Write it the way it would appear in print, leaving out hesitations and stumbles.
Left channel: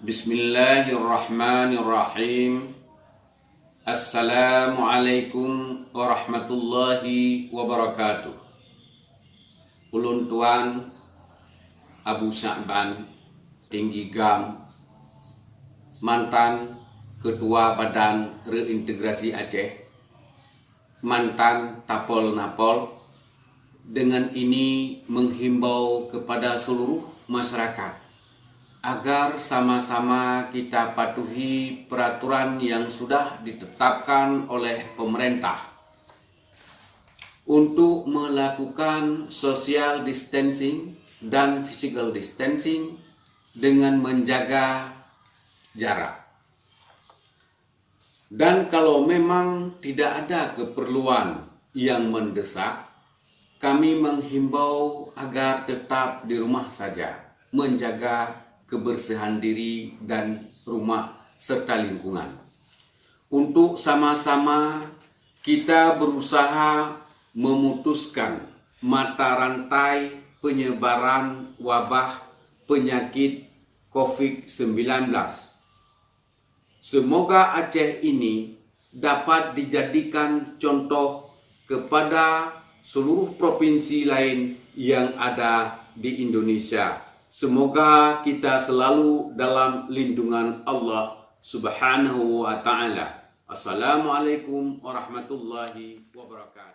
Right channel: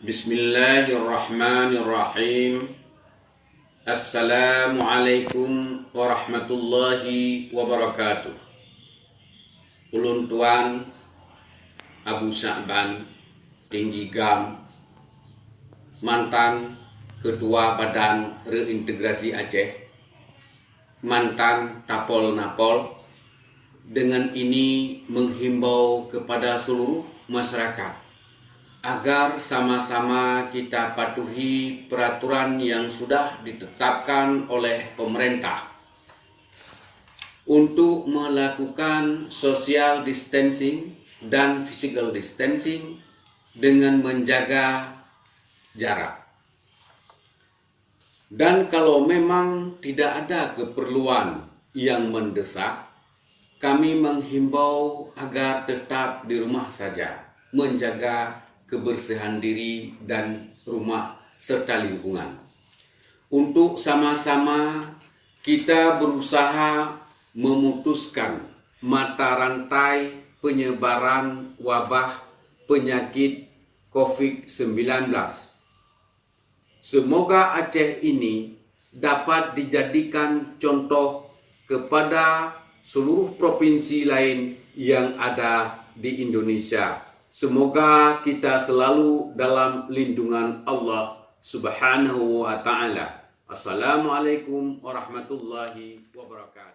Bismillahirrahmanirrahim. Assalamualaikum warahmatullahi wabarakatuh. Ulun Tuan Abu Sya'ban Tinggi Gam, mantan Ketua Badan Reintegrasi Aceh, mantan Tapol Napol, dengan ini menghimbau kepada seluruh masyarakat agar sama-sama kita patuhi peraturan yang sudah ditetapkan oleh pemerintah untuk melakukan social distancing dan physical distancing dengan menjaga jarak. Dan kalau memang tidak ada keperluan yang mendesak, kami menghimbau agar tetap di rumah saja, menjaga kebersihan diri dan rumah serta lingkungan. Untuk sama-sama kita berusaha memutuskan mata rantai penyebaran wabah penyakit COVID-19. Semoga Aceh ini dapat dijadikan contoh kepada seluruh provinsi lain yang ada di Indonesia. Semoga kita selalu dalam lindungan Allah Subhanahu wa ta'ala. Assalamualaikum warahmatullahi wabarakatuh.